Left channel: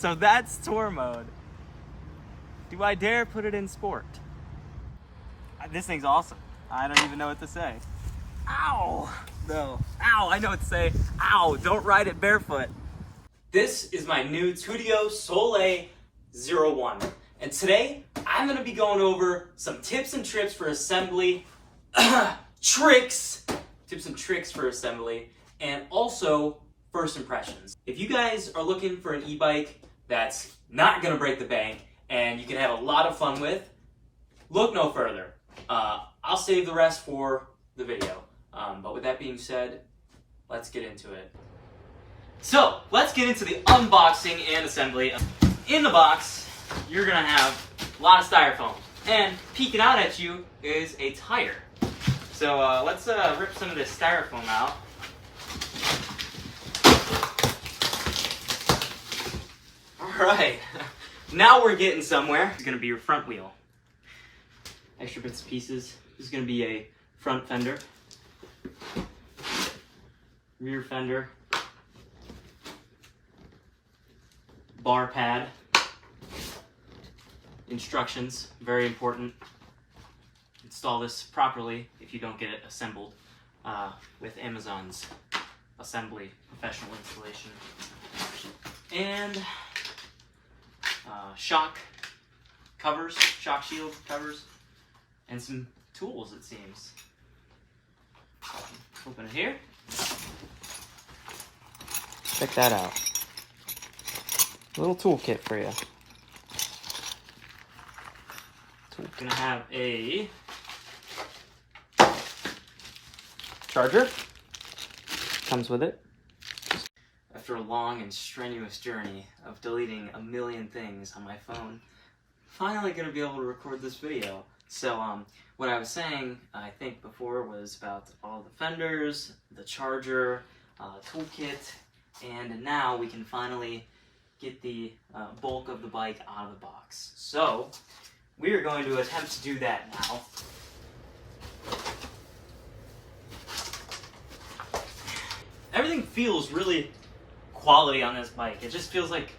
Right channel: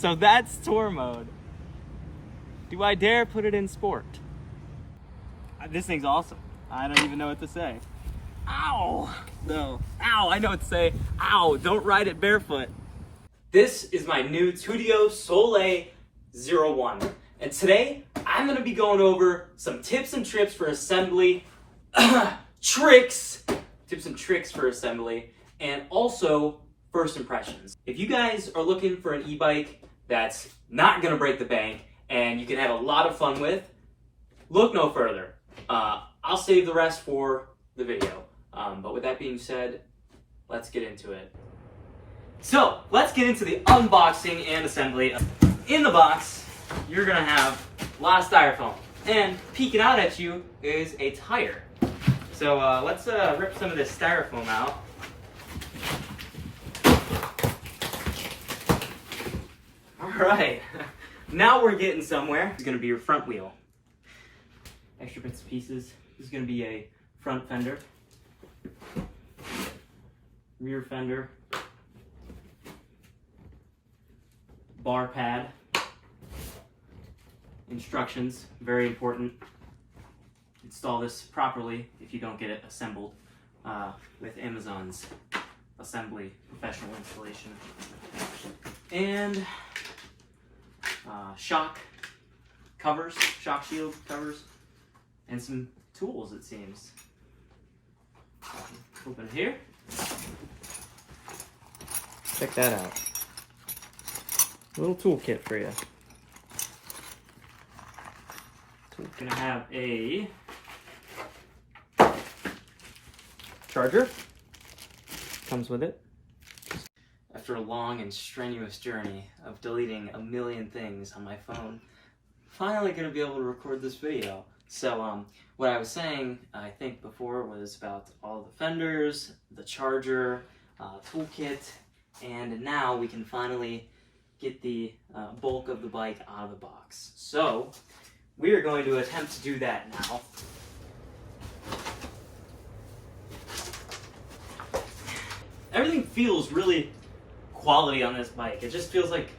So that's tour mode. Do I dare put it in sport? This thing's awesome. I don't even know what to say. Ow! No. Ow, I know what to say. Ow, don't ride it barefoot. This is my new TUTTIO Soleil 01. And today, I'm gonna be going over some tips and tricks for assembly, tips and tricks for assembly, and also first impressions. If you guys are looking for an e-bike that's not gonna break the bank and you can have a lot of fun with, look no further. I'll save the rest for the video. But with that being said, let's get into it. So, let's get into the unboxing and assembly. In the box, you're gonna have a lot of styrofoam. And peeking out at you is a tire. So let's rip some of this styrofoam out. Alright, now we're getting somewhere. This is gonna be your front wheel. Extra bits and pieces. This is gonna be a front fender. Rear fender. Bar pad. Instructions, very important. Install this properly if you don't get it assembled with Amazon's assembly professional installation. And shock covers, shock shield covers, and some tools, it seems. Open it here. Check that out. A little toolkit for you. So we're gonna have a charger. Comes with it. After a long and strenuous journey of deleting a million things on my phone, finally gonna be able to record this video. So what I was saying, I think before, was about all the fenders, the charger, toolkit, and now we can finally get the bulk of the bike out of the box. So we are going to attempt to do that now. Everything feels really quality on this bike. It just feels like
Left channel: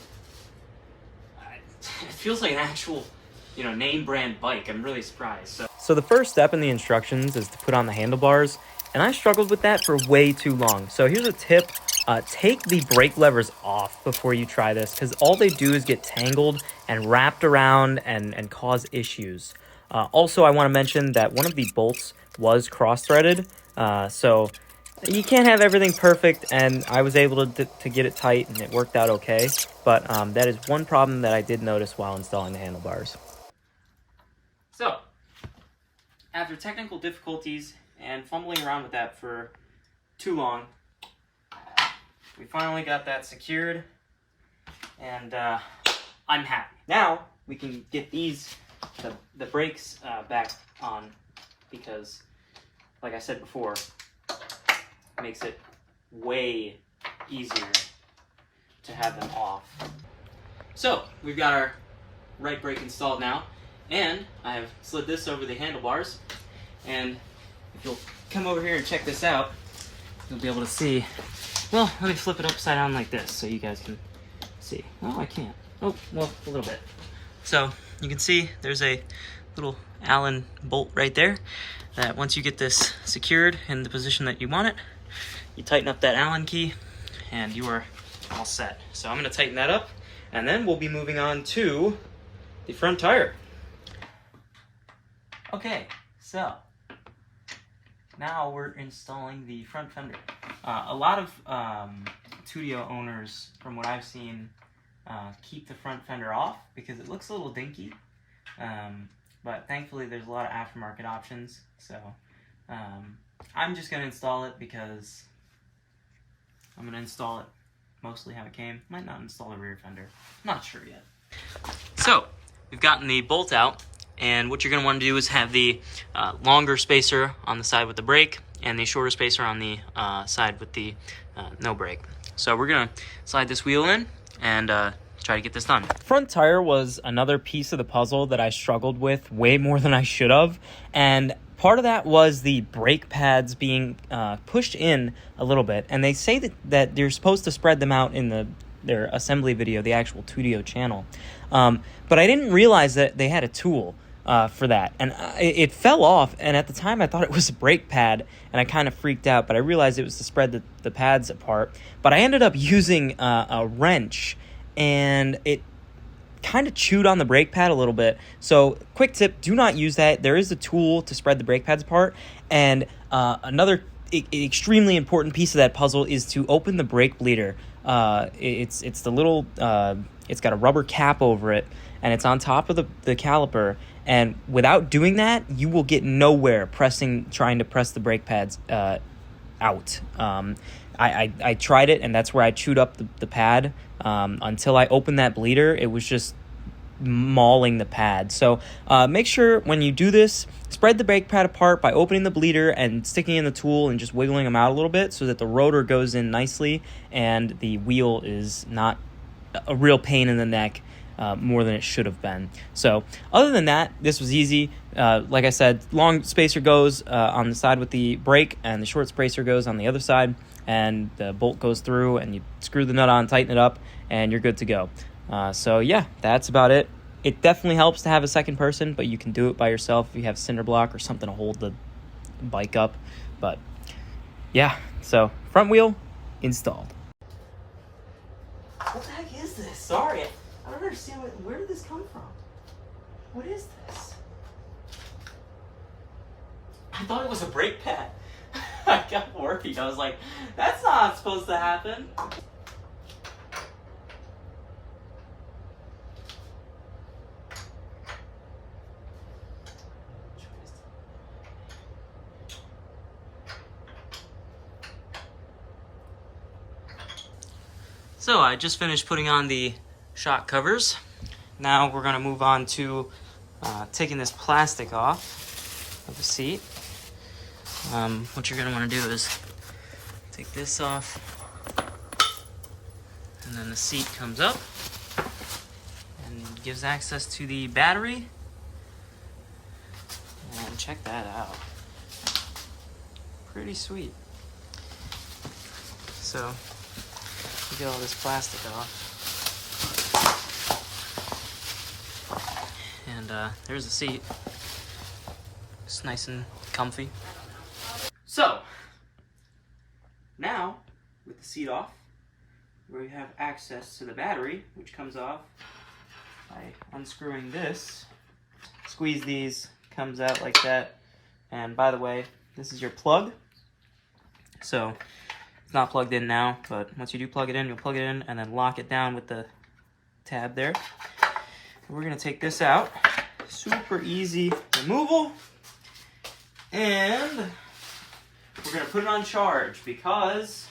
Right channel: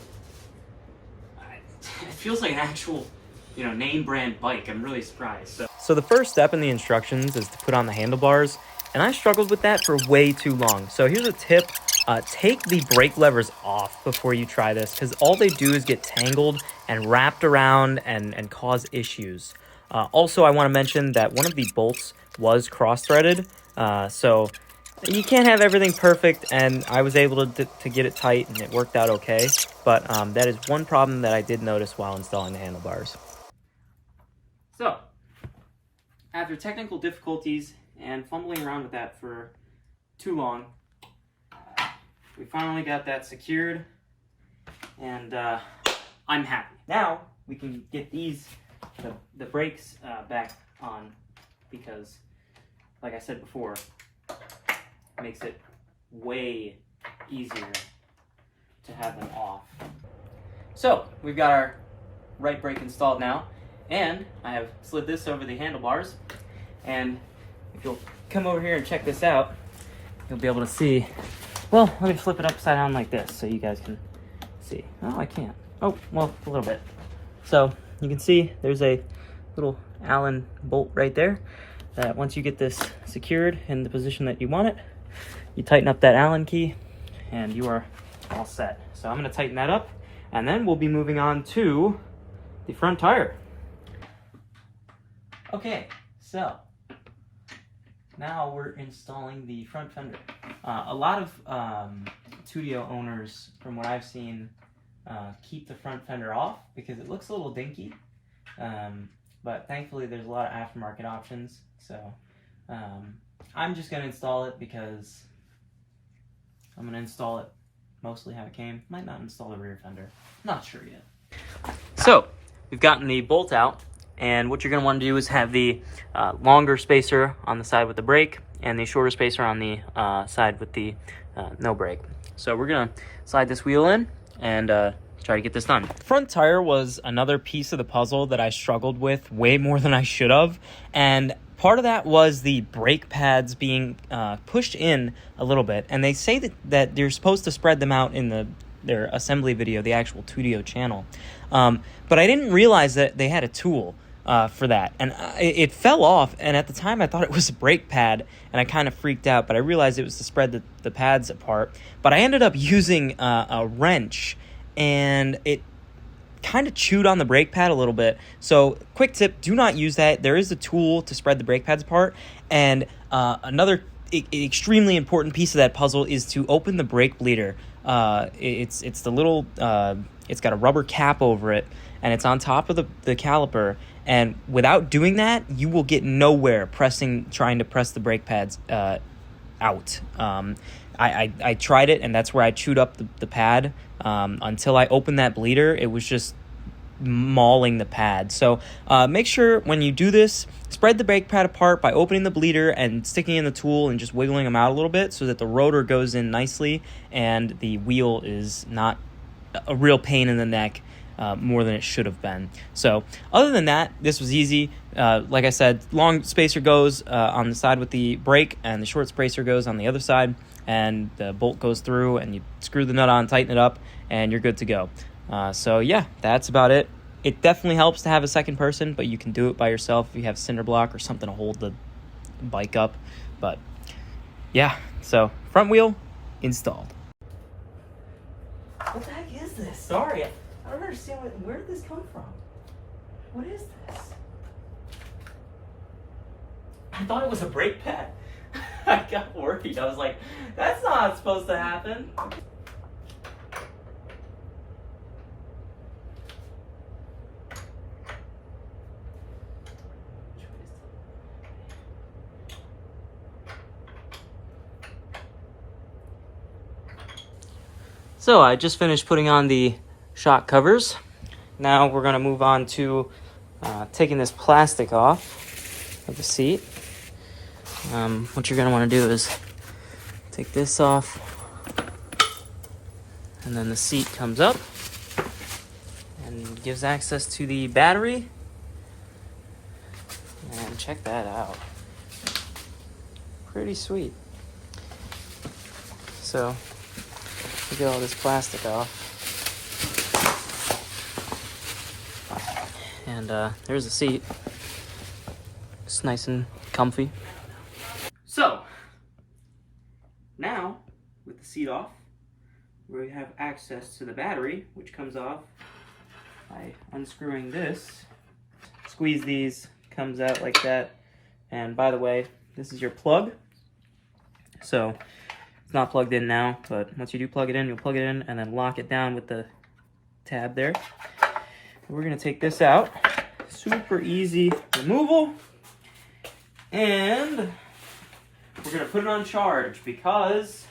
an actual, name brand bike. I'm really surprised. So the first step in the instructions is to put on the handlebars, and I struggled with that for way too long. So here's a tip. Take the brake levers off before you try this, because all they do is get tangled and wrapped around and cause issues. Also, I want to mention that one of the bolts was cross-threaded, so you can't have everything perfect, and I was able to get it tight, and it worked out okay. But that is one problem that I did notice while installing the handlebars. So, after technical difficulties and fumbling around with that for too long, we finally got that secured, and I'm happy. Now we can get the brakes back on, because, like I said before, it makes it way easier to have them off. So we've got our right brake installed now, and I have slid this over the handlebars, and if you'll come over here and check this out, you'll be able to see. Well, let me flip it upside down like this so you guys can see. Oh, I can't. Oh, well, a little bit. So you can see there's a little Allen bolt right there that once you get this secured in the position that you want it, you tighten up that Allen key and you are all set. So I'm gonna tighten that up, and then we'll be moving on to the front tire. Okay, so now we're installing the front fender. A lot of TUTTIO owners, from what I've seen, keep the front fender off because it looks a little dinky. But thankfully there's a lot of aftermarket options. So I'm just going to install it because I'm going to install it mostly how it came. Might not install the rear fender. Not sure yet. So we've gotten the bolt out. And what you're going to want to do is have the longer spacer on the side with the brake and the shorter spacer on the side with the no brake. So we're going to slide this wheel in and try to get this done. Front tire was another piece of the puzzle that I struggled with way more than I should have. And part of that was the brake pads being pushed in a little bit. And they say that you're supposed to spread them out in the their assembly video, the actual TUTTIO channel. But I didn't realize that they had a tool for that, and it fell off, and at the time I thought it was a brake pad, and I kind of freaked out, but I realized it was to spread the pads apart. But I ended up using a wrench, and it kind of chewed on the brake pad a little bit. So quick tip, do not use that. There is a tool to spread the brake pads apart, and another extremely important piece of that puzzle is to open the brake bleeder. It's the little it's got a rubber cap over it, and it's on top of the caliper, and without doing that you will get nowhere trying to press the brake pads out. I tried it, and that's where I chewed up the pad. Until I opened that bleeder, it was just mauling the pad. So make sure when you do this, spread the brake pad apart by opening the bleeder and sticking in the tool and just wiggling them out a little bit so that the rotor goes in nicely and the wheel is not a real pain in the neck more than it should have been. So other than that, this was easy. Like I said, long spacer goes on the side with the brake, and the short spacer goes on the other side, and the bolt goes through, and you screw the nut on, tighten it up, and you're good to go. So yeah, that's about it. It definitely helps to have a second person, but you can do it by yourself if you have cinder block or something to hold the bike up. But yeah, so front wheel installed. What the heck is this? Sorry, I don't understand. Where did this come from? What is this? I thought it was a brake pad. I got worried. I was like, that's not supposed to happen. So I just finished putting on the shock covers. Now we're going to move on to taking this plastic off of the seat. What you're going to want to do is take this off, and then the seat comes up and gives access to the battery. And check that out. Pretty sweet. So get all this plastic off, and there's the seat. It's nice and comfy. So now, with the seat off, we have access to the battery, which comes off by unscrewing this. Squeeze these, comes out like that. And by the way, this is your plug. So it's not plugged in now, but once you do plug it in, you'll plug it in and then lock it down with the tab there. We're gonna take this out. Super easy removal. And we're gonna put it on charge because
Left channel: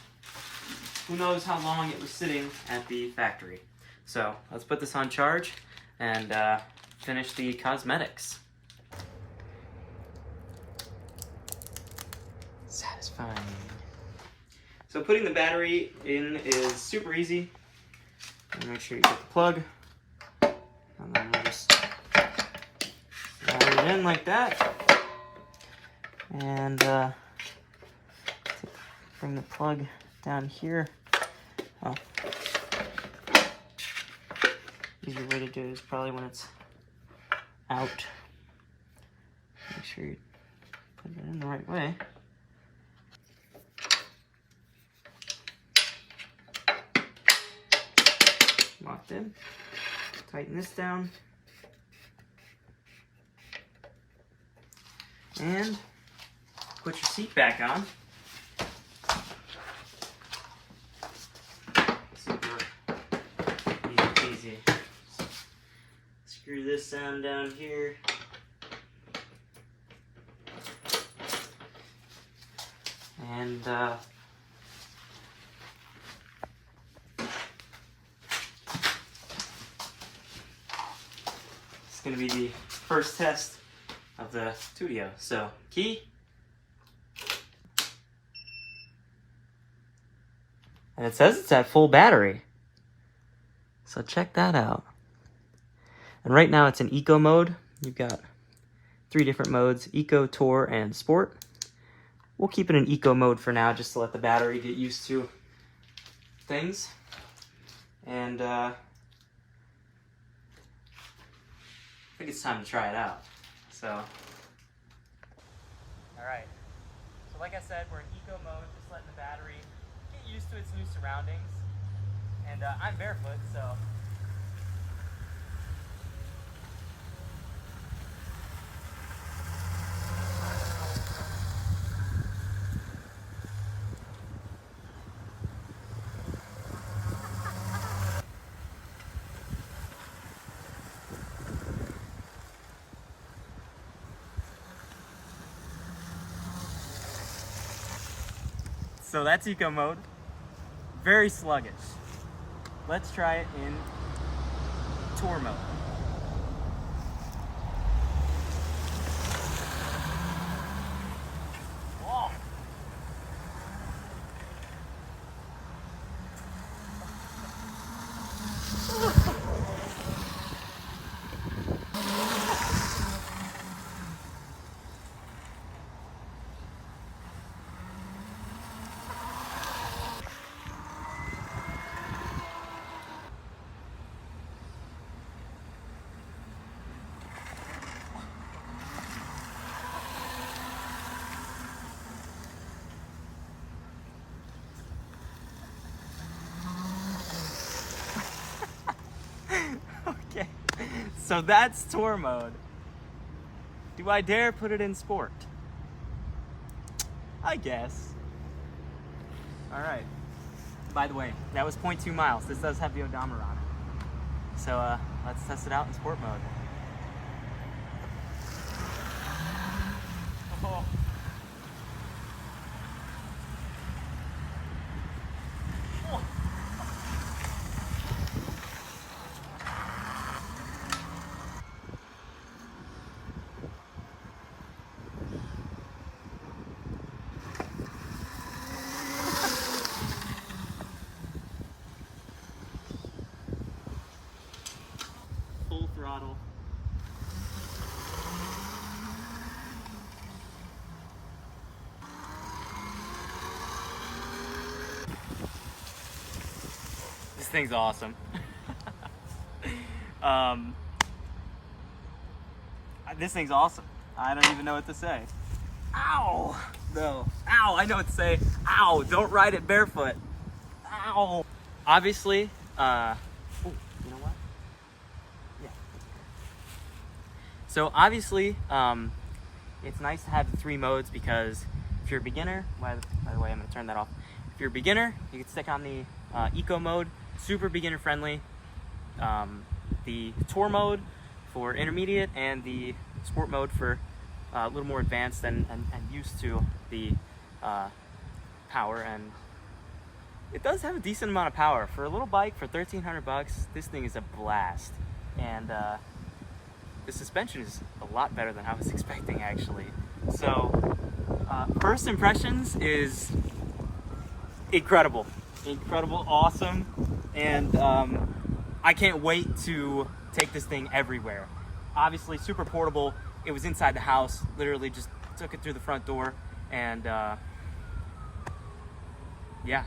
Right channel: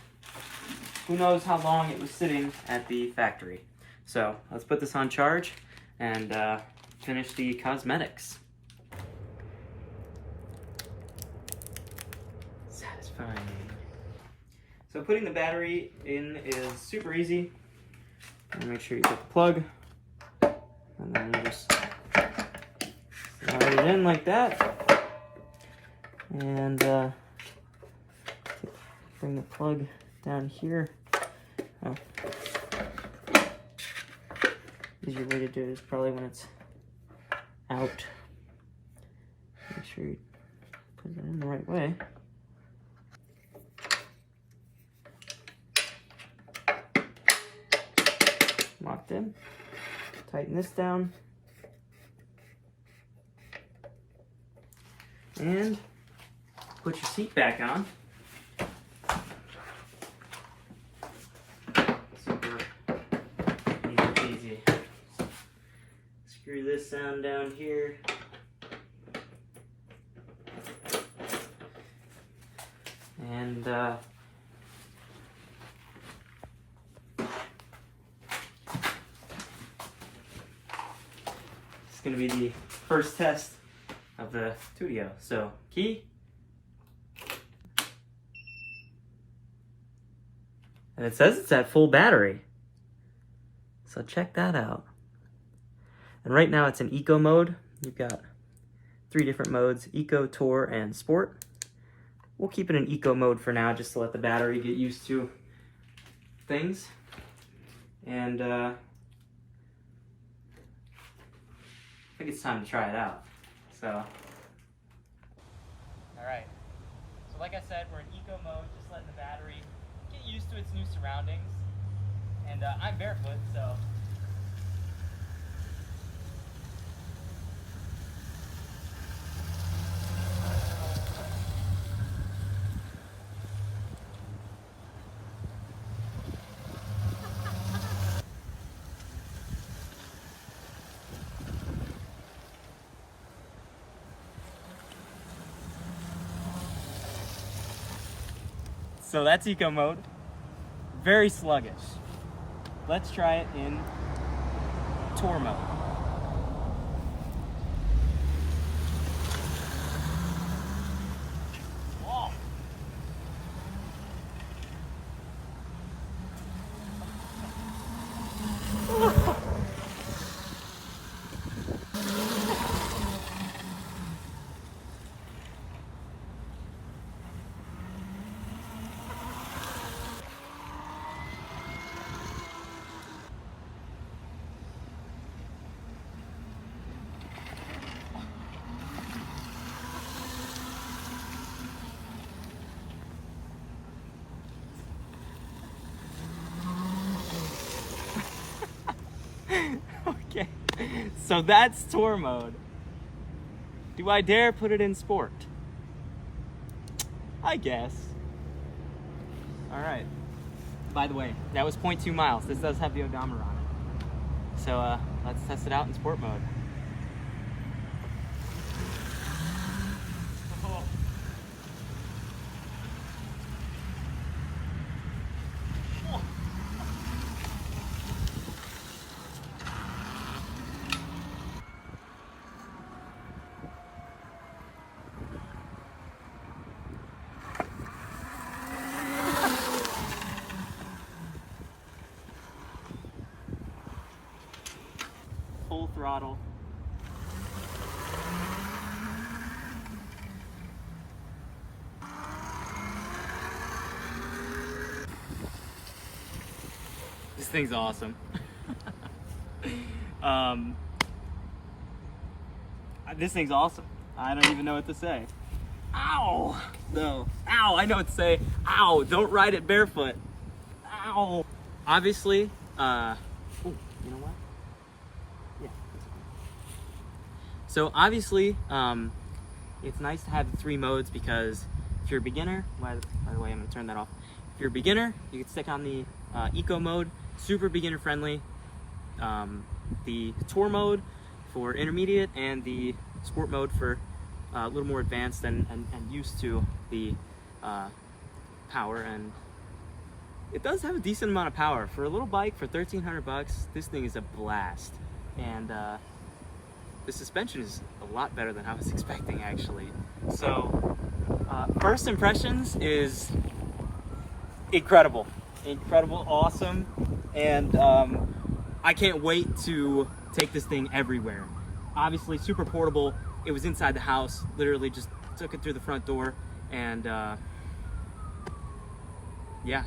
who knows how long it was sitting at the factory. So let's put this on charge and finish the cosmetics. Satisfying. So putting the battery in is super easy. Make sure you put the plug, and then you just slide it in like that, and bring the plug down here. Oh. Easier way to do it is probably when it's out. Make sure you put it in the right way. Locked in. Tighten this down. And put your seat back on. Super easy. Screw this down here. And it's going to be the first test of the TUTTIO. So, key. And it says it's at full battery. So check that out. And right now it's in eco mode. You've got 3 different modes: eco, tour, and sport. We'll keep it in eco mode for now just to let the battery get used to things. and I think it's time to try it out. So, all right. So like I said, we're in eco mode, just letting the battery get used to its new surroundings. And I'm barefoot, so. So that's eco mode. Very sluggish. Let's try it in tour mode. Whoa. Okay, so that's tour mode. Do I dare put it in sport? I guess. All right. By the way, that was 0.2 miles. This does have the odometer on it. So let's test it out in sport mode. Oh. Oh. Full throttle. This thing's awesome. This thing's awesome. I don't even know what to say. Ow! No. Ow, I know what to say. Ow, don't ride it barefoot. Ow! Obviously, ooh, you know what? Yeah. So obviously, it's nice to have the 3 modes because if you're a beginner, by the way, I'm gonna turn that off. If you're a beginner, you can stick on the eco mode, super beginner friendly. The tour mode for intermediate, and the sport mode for a little more advanced and used to the power. And it does have a decent amount of power for a little bike. For 1,300 bucks, this thing is a blast. And the suspension is a lot better than I was expecting, actually. So first impressions is incredible, awesome, and I can't wait to take this thing everywhere. Obviously super portable. It was inside the house, literally just took it through the front door, and yeah,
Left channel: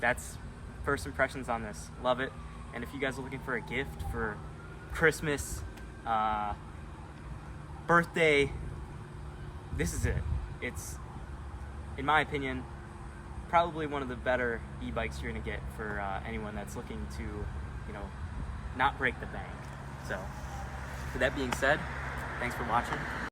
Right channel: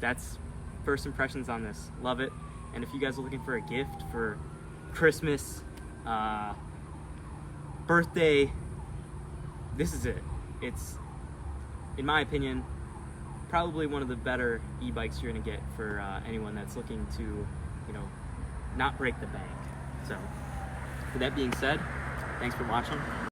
that's first impressions on this. Love it. And if you guys are looking for a gift for Christmas, birthday, this is it. It's, in my opinion, probably one of the better e-bikes you're gonna get for anyone that's looking to, you know, not break the bank. So, with that being said, thanks for watching.